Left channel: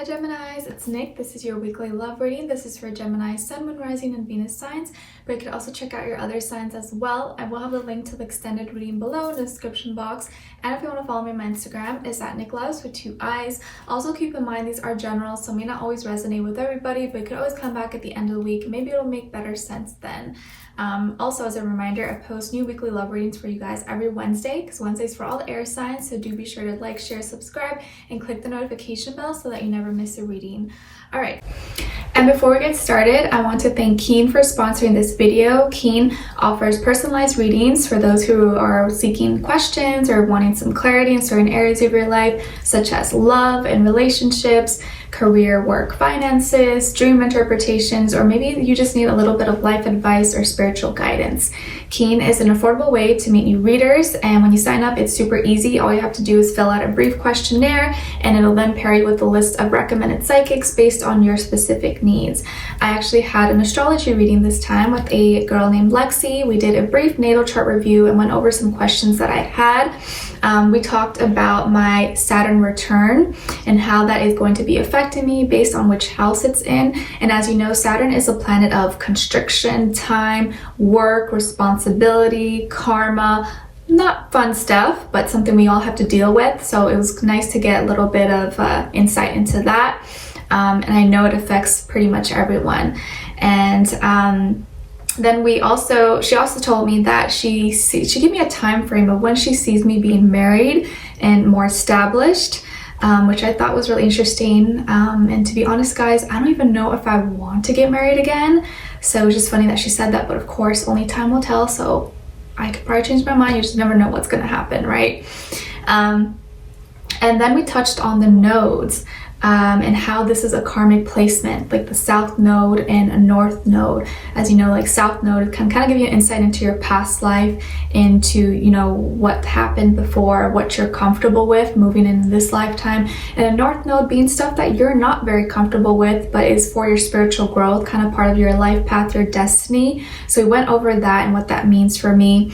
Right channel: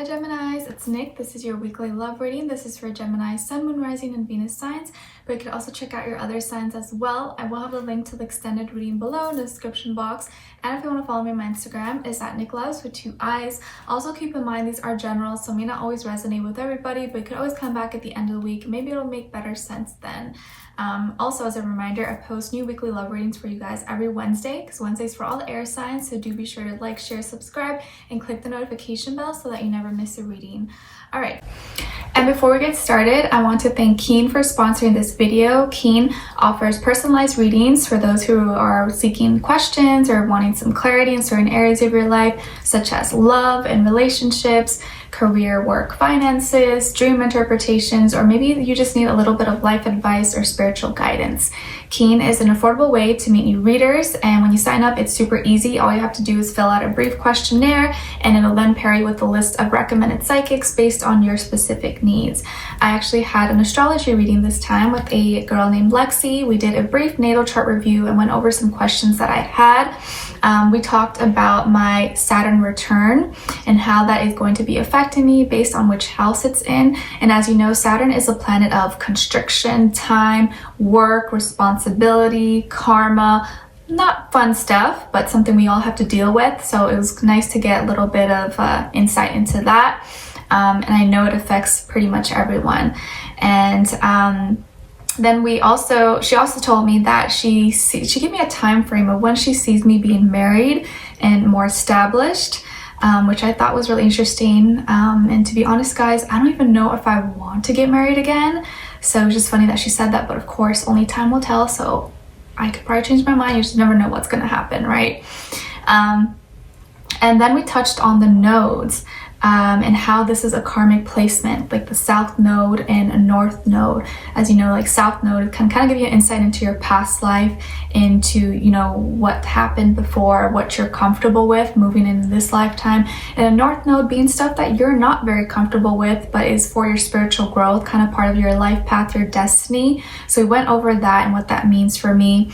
Hi Geminis, it's Nick. This is your weekly love reading. This is for Gemini, Sun, Moon, Rising, and Venus signs, but you can also check out your other signs as well. I will have a link to the extended reading below in the description box, and if you want to follow me on my Instagram, it's at Nicloves with 2 eyes. Also keep in mind these are general, so may not always resonate with everybody, but you could always come back at the end of the week. Maybe it'll make better sense then. Also, as a reminder, I post new weekly love readings for you guys every Wednesday, because Wednesday's for all the air signs, so do be sure to like, share, subscribe, and click the notification bell so that you never miss a reading. All right, and before we get started, I want to thank Keen for sponsoring this video. Keen offers personalized readings for those who are seeking questions or wanting some clarity in certain areas of your life, such as love and relationships, career, work, finances, dream interpretations, or maybe you just need a little bit of life advice or spiritual guidance. Keen is an affordable way to meet new readers, and when you sign up, it's super easy. All you have to do is fill out a brief questionnaire, and it'll then pair you with a list of recommended psychics based on your specific needs. I actually had an astrology reading this time with a girl named Lexi. We did a brief natal chart review and went over some questions that I had. We talked about my Saturn return and how that is going to be affecting me based on which house it's in. And as you know, Saturn is a planet of constriction, time, work, responsibility, karma. Not fun stuff, but something we all have to deal with. So it was nice to get a little bit of insight into that. And I know it affects pretty much everyone. And then she also told me that she gave me a time frame of when she sees me being married and more established, which I thought was really interesting. And to be honest, guys, I don't even know if I want to get married again. So it's just funny that she said that, but of course, only time will tell. So I could probably change my mind. You just never know what's going to happen, right? And then we touched on the nodes. And how this is a karmic placement, like the South Node and a North Node. As you know, like South Node can kind of give you an insight into your past life, into, you know, what happened before, what you're comfortable with moving in this lifetime. And a North Node being stuff that you're not very comfortable with, but is for your spiritual growth, kind of part of your life path, your destiny. So we went over that and what that means for me.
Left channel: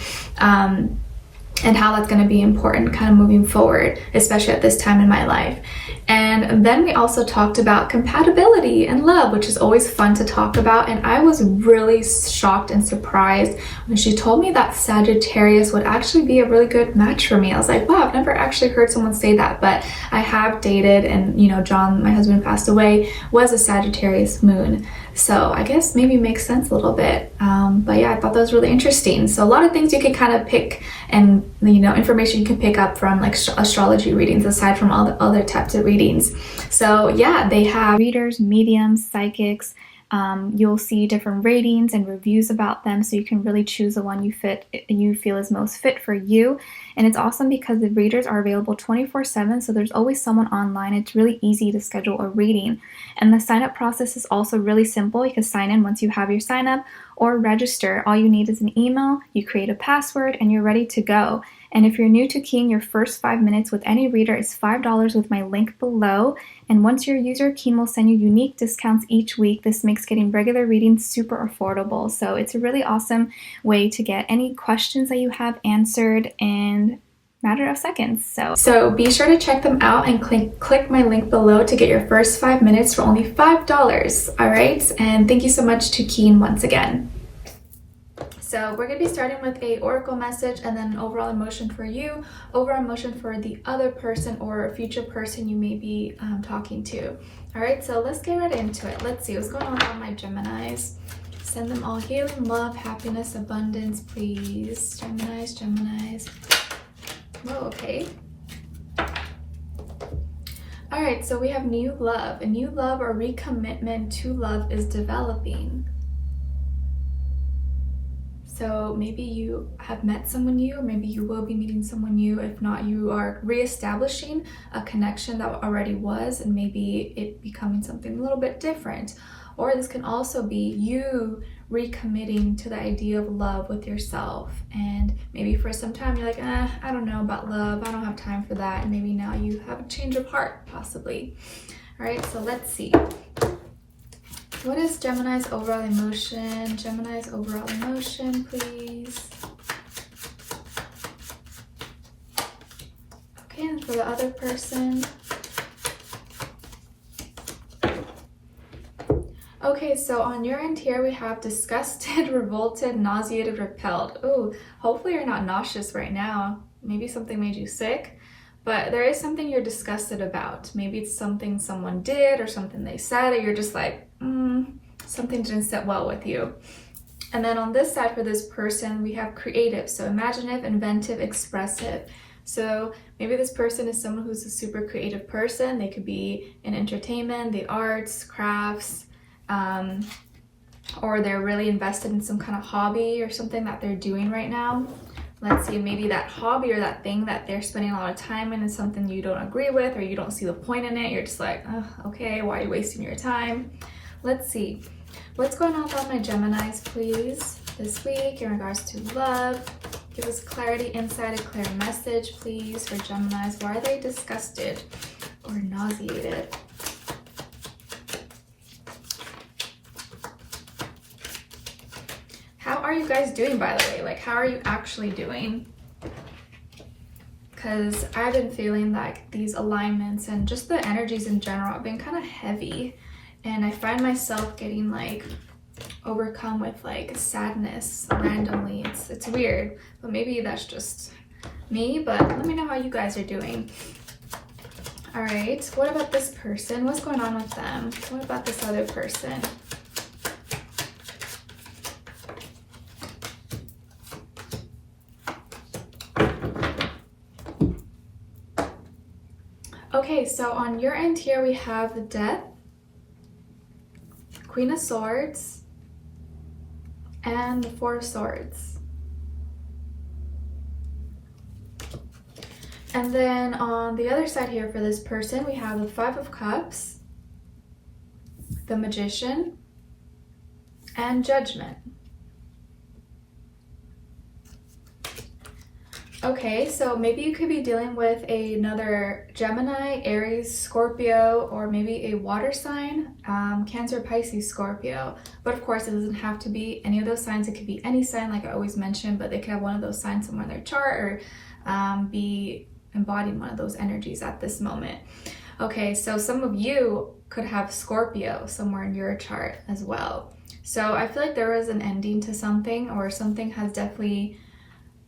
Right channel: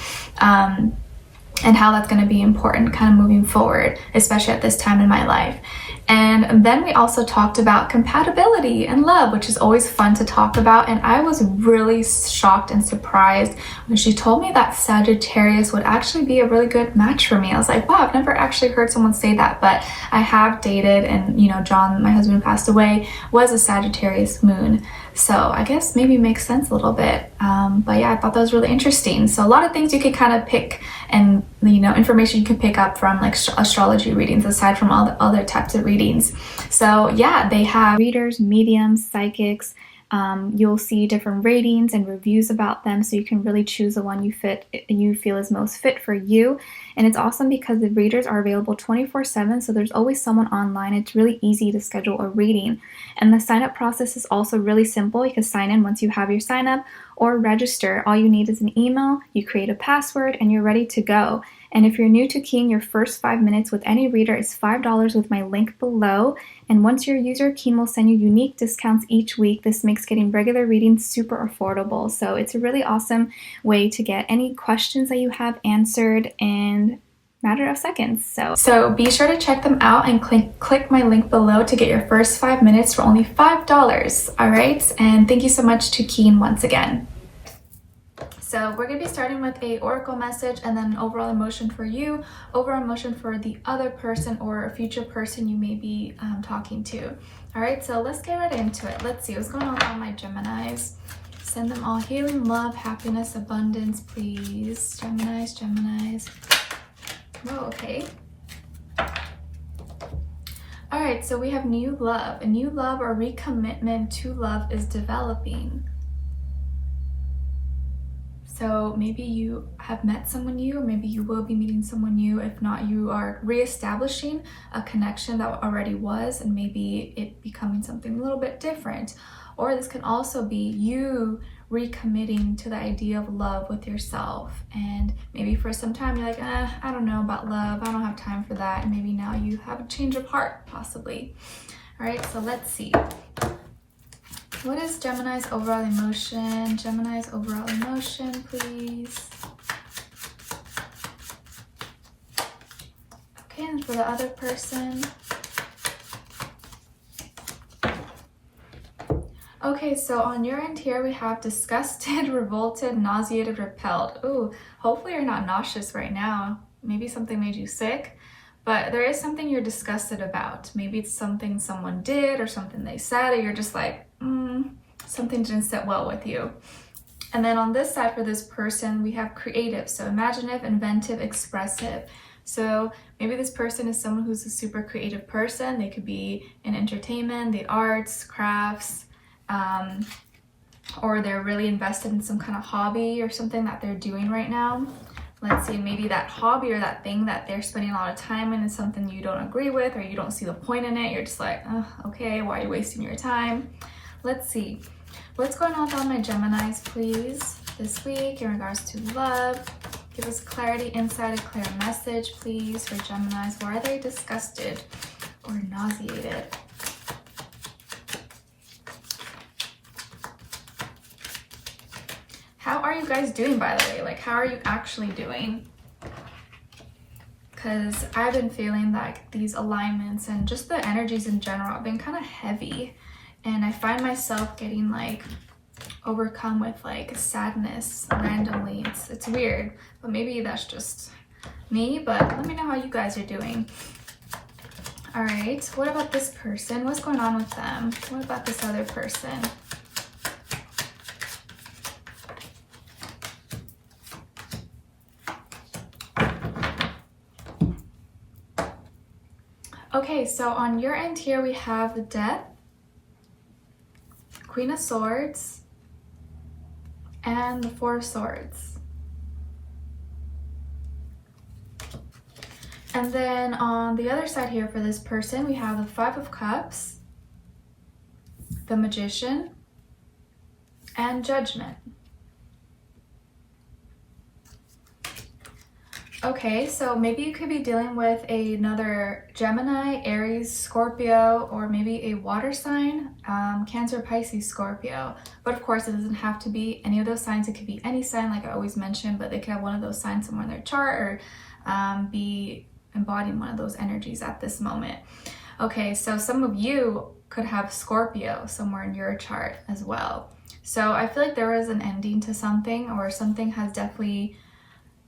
And how that's going to be important kind of moving forward, especially at this time in my life. And then we also talked about compatibility and love, which is always fun to talk about. And I was really shocked and surprised when she told me that Sagittarius would actually be a really good match for me. I was like, wow, I've never actually heard someone say that, but I have dated, and you know, John, my husband, passed away, was a Sagittarius moon. So I guess maybe makes sense a little bit. But yeah, I thought that was really interesting. So a lot of things you could kind of pick, and you know, information you can pick up from like astrology readings aside from all the other types of readings. So yeah, they have readers, mediums, psychics. You'll see different ratings and reviews about them, so you can really choose the one you feel is most fit for you. And it's awesome because the readers are available 24/7, so there's always someone online. It's really easy to schedule a reading, and the sign up process is also really simple. You can sign in once you have your sign up or register. All you need is an email, you create a password, and you're ready to go. And if you're new to Keen, your first 5 minutes with any reader is $5 with my link below. And once you're a user, Keen will send you unique discounts each week. This makes getting regular readings super affordable. So it's a really awesome way to get any questions that you have answered in a matter of seconds. So be sure to check them out and click my link below to get your first 5 minutes for only $5. All right. And thank you so much to Keen once again. So we're going to be starting with a oracle message, and then overall emotion for you, overall emotion for the other person or a future person you may be talking to. All right, so let's get right into it. Let's see what's going on with all my Geminis. Send them all healing, love, happiness, abundance, please. Geminis. Whoa, okay. All right, so we have new love. A new love or recommitment to love is developing. So maybe you have met someone new, or maybe you will be meeting someone new. If not, you are reestablishing a connection that already was, and maybe it becoming something a little bit different. Or this can also be you recommitting to the idea of love with yourself. And maybe for some time you're like, I don't know about love. I don't have time for that. And maybe now you have a change of heart, possibly. All right, so let's see. What is Gemini's overall emotion? Gemini's overall emotion, please. Okay, and for the other person. Okay, so on your end here, we have disgusted, revolted, nauseated, repelled. Ooh, hopefully you're not nauseous right now. Maybe something made you sick, but there is something you're disgusted about. Maybe it's something someone did or something they said, or you're just like, something didn't sit well with you. And then on this side for this person, we have creative, so imaginative, inventive, expressive. So maybe this person is someone who's a super creative person. They could be in entertainment, the arts, crafts, or they're really invested in some kind of hobby or something that they're doing right now. Let's see, maybe that hobby or that thing that they're spending a lot of time in is something you don't agree with, or you don't see the point in it. You're just like, oh, okay, why are you wasting your time? Let's see. What's going on with all my Geminis, please, this week in regards to love? Give us clarity, insight, a clear message, please, for Geminis. Why are they disgusted or nauseated? How are you guys doing, by the way? Like, how are you actually doing? Because I've been feeling like these alignments and just the energies in general have been kind of heavy. And I find myself getting like overcome with like sadness randomly. It's weird, but maybe that's just me. But let me know how you guys are doing. All right, what about this person? What's going on with them? What about this other person? Okay, so on your end here, we have the Death, Queen of Swords, and the Four of Swords. And then on the other side here for this person, we have the Five of Cups, the Magician, and Judgment. Okay, so maybe you could be dealing with another Gemini, Aries, Scorpio, or maybe a water sign, Cancer, Pisces, Scorpio. But of course, it doesn't have to be any of those signs. It could be any sign, like I always mention, but they could have one of those signs somewhere in their chart, or be embodying one of those energies at this moment. Okay, so some of you could have Scorpio somewhere in your chart as well. So I feel like there was an ending to something, or something has definitely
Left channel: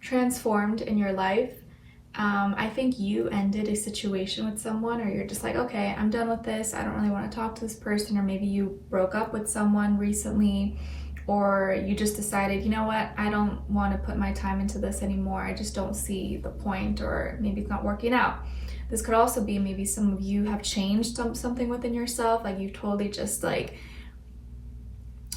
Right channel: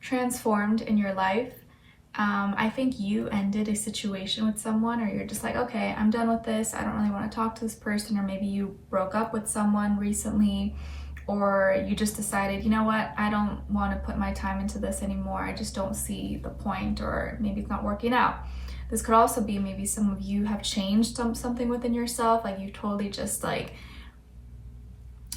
transformed in your life. I think you ended a situation with someone, or you're just like, okay, I'm done with this. I don't really want to talk to this person. Or maybe you broke up with someone recently, or you just decided, you know what, I don't want to put my time into this anymore. I just don't see the point, or maybe it's not working out. This could also be maybe some of you have changed something within yourself, like you've totally just like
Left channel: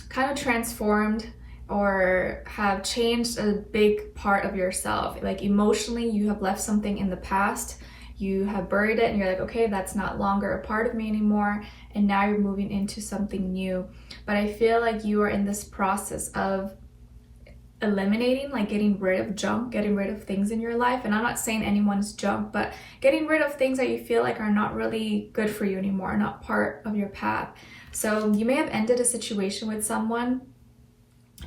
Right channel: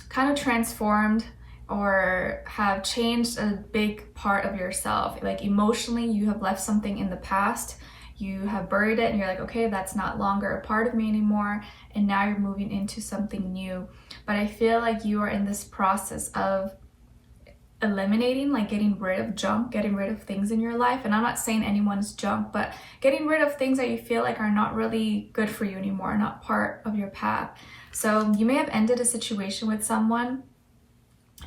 kind of transformed, or have changed a big part of yourself. Like emotionally, you have left something in the past, you have buried it, and you're like, okay, that's not longer a part of me anymore, and now you're moving into something new. But I feel like you are in this process of eliminating, like getting rid of junk, getting rid of things in your life. And I'm not saying anyone's junk, but getting rid of things that you feel like are not really good for you anymore, not part of your path. So you may have ended a situation with someone,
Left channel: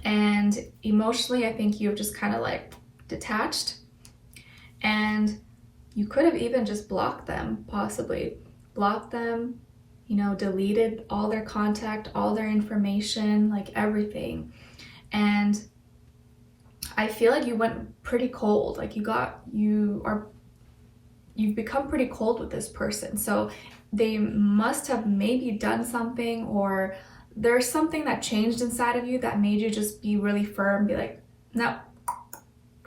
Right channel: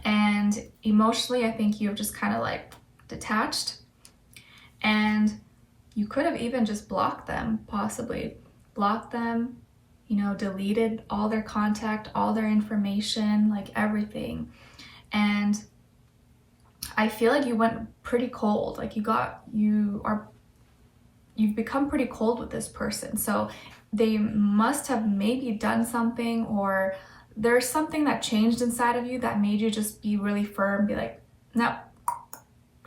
and emotionally, I think you have just kind of like detached, and you could have even just blocked them, possibly blocked them, you know, deleted all their contact, all their information, like everything. And I feel like you went pretty cold, like you've become pretty cold with this person. So they must have maybe done something, or there's something that changed inside of you that made you just be really firm, be like, no,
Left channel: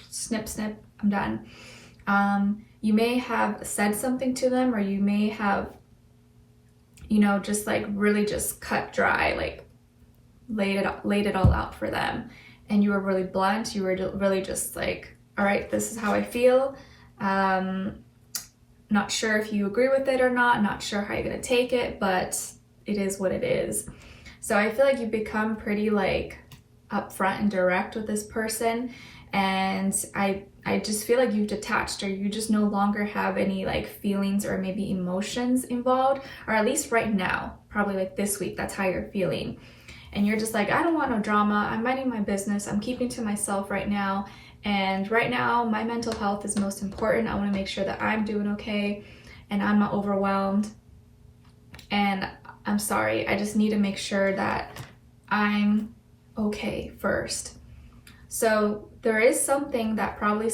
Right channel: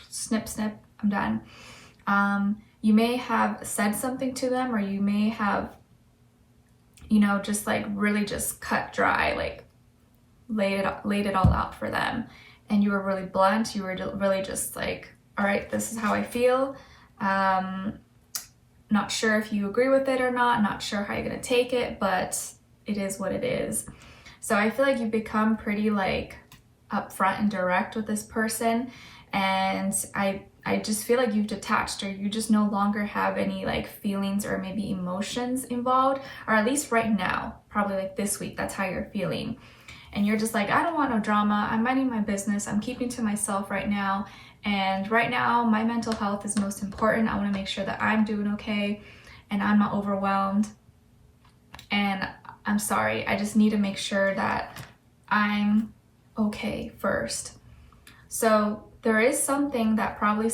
snip, snip, I'm done. You may have said something to them, or you may have, you know, just like really just cut dry, like laid it all out for them. And you were really blunt. You were really just like, all right, this is how I feel. Not sure if you agree with it or not sure how you're gonna take it, but it is what it is. So I feel like you've become pretty like upfront and direct with this person, and I just feel like you've detached, or you just no longer have any like feelings or maybe emotions involved, or at least right now, probably like this week, that's how you're feeling. And you're just like, I don't want no drama. I'm minding my business. I'm keeping to myself right now. And right now, my mental health is most important. I want to make sure that I'm doing okay and I'm not overwhelmed. And I'm sorry, I just need to make sure that I'm okay first. So there is something that probably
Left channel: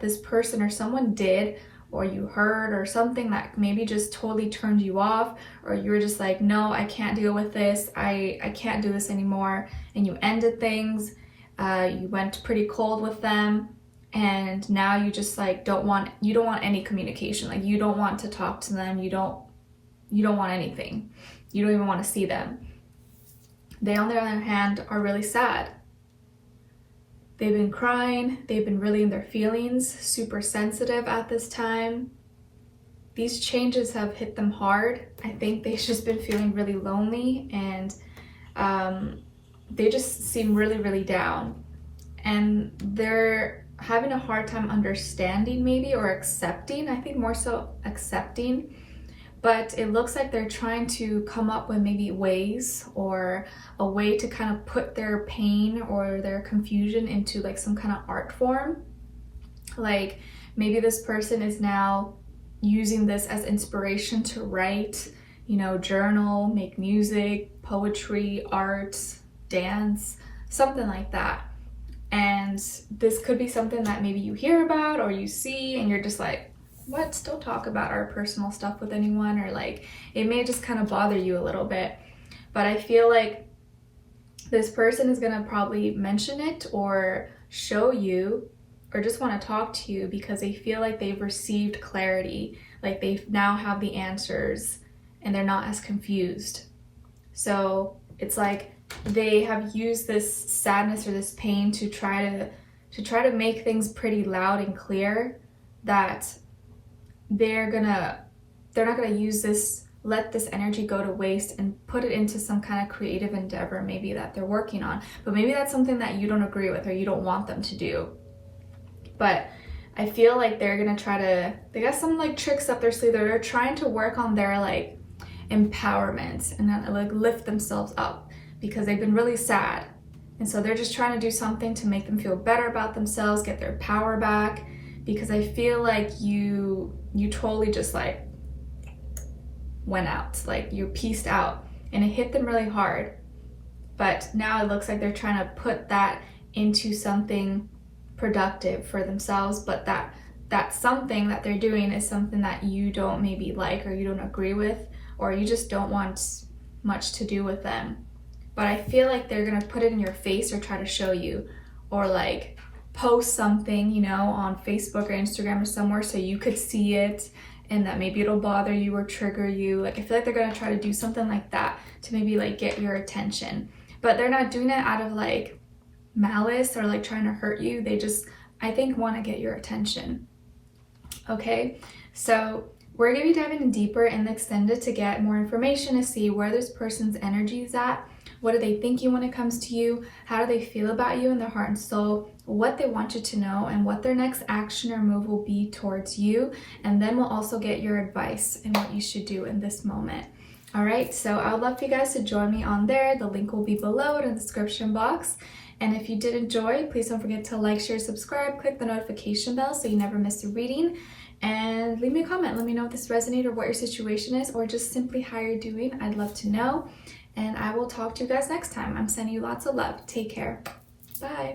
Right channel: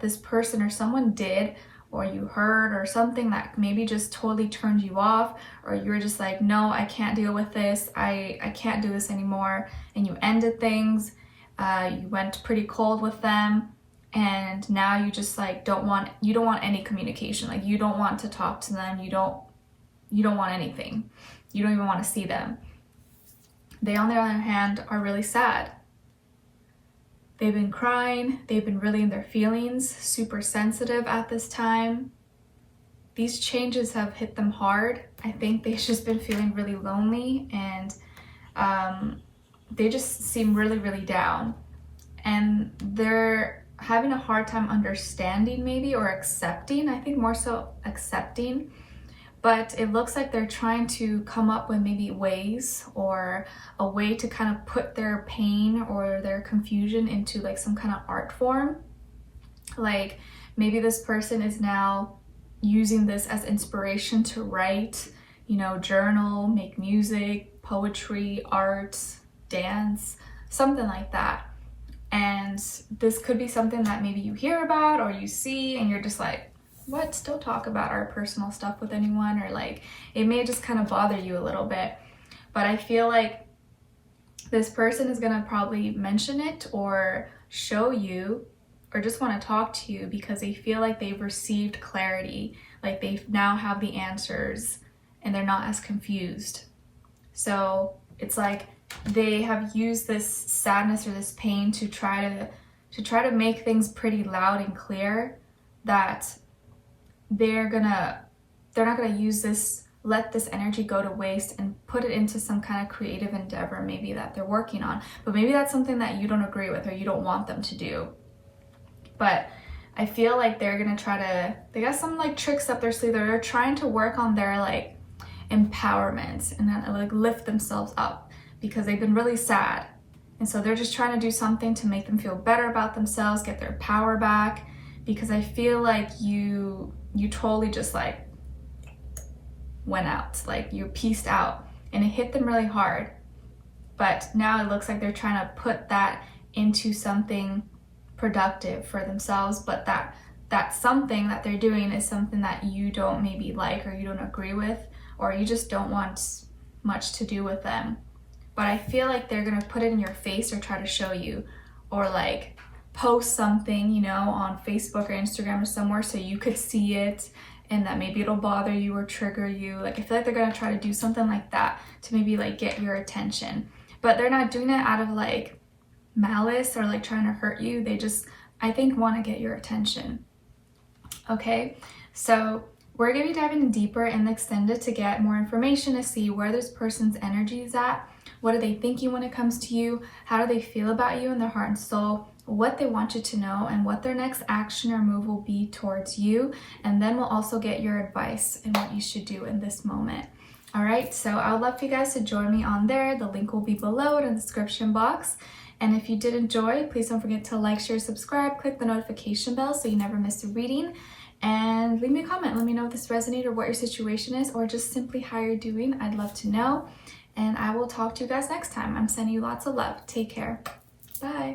this person or someone did, or you heard, or something that maybe just totally turned you off, or you were just like, no, I can't deal with this, I can't do this anymore, and you ended things, you went pretty cold with them, and now you just like don't want any communication. Like, you don't want to talk to them, you don't want anything, you don't even want to see them. They, on the other hand, are really sad. They've been crying, they've been really in their feelings, super sensitive at this time. These changes have hit them hard. I think they've just been feeling really lonely, and they just seem really, really down. And they're having a hard time understanding, maybe, or accepting. I think more so accepting. But it looks like they're trying to come up with maybe ways, or a way to kind of put their pain or their confusion into like some kind of art form. Like, maybe this person is now using this as inspiration to write, you know, journal, make music, poetry, art, dance, something like that. And this could be something that maybe you hear about or you see, and you're just like, what, still talk about our personal stuff with anyone? Or like, it may just kind of bother you a little bit. But I feel like this person is gonna probably mention it or show you, or just want to talk to you, because they feel like they've received clarity, like they now have the answers and they're not as confused. So it's like they have used this sadness or this pain to try to make things pretty loud and clear, that they're not gonna use this, let this energy go to waste and put it into some kind of creative endeavor maybe that they're working on. But maybe that's something that you don't agree with or you don't want them to do. But I feel like they're gonna they got some like tricks up their sleeve. They're trying to work on their like empowerment and then like lift themselves up, because they've been really sad. And so they're just trying to do something to make them feel better about themselves, get their power back, because I feel like you totally just like went out, like you pieced out, and it hit them really hard. But now it looks like they're trying to put that into something productive for themselves, but that something that they're doing is something that you don't maybe like, or you don't agree with, or you just don't want much to do with them. But I feel like they're gonna put it in your face or try to show you, or like post something, you know, on Facebook or Instagram or somewhere so you could see it, and that maybe it'll bother you or trigger you. Like, I feel like they're gonna try to do something like that to maybe like get your attention. But they're not doing it out of like malice or like trying to hurt you. They just, I think, want to get your attention. Okay, so we're gonna be diving deeper in the extended to get more information, to see where this person's energy is at. What are they thinking when it comes to you? How do they feel about you in their heart and soul? What they want you to know, and what their next action or move will be towards you. And then we'll also get your advice and what you should do in this moment. All right, so I would love for you guys to join me on there. The link will be below in the description box. And if you did enjoy, please don't forget to like, share, subscribe, click the notification bell so you never miss a reading. And leave me a comment. Let me know if this resonated or what your situation is, or just simply how you're doing. I'd love to know. And I will talk to you guys next time. I'm sending you lots of love. Take care. Bye.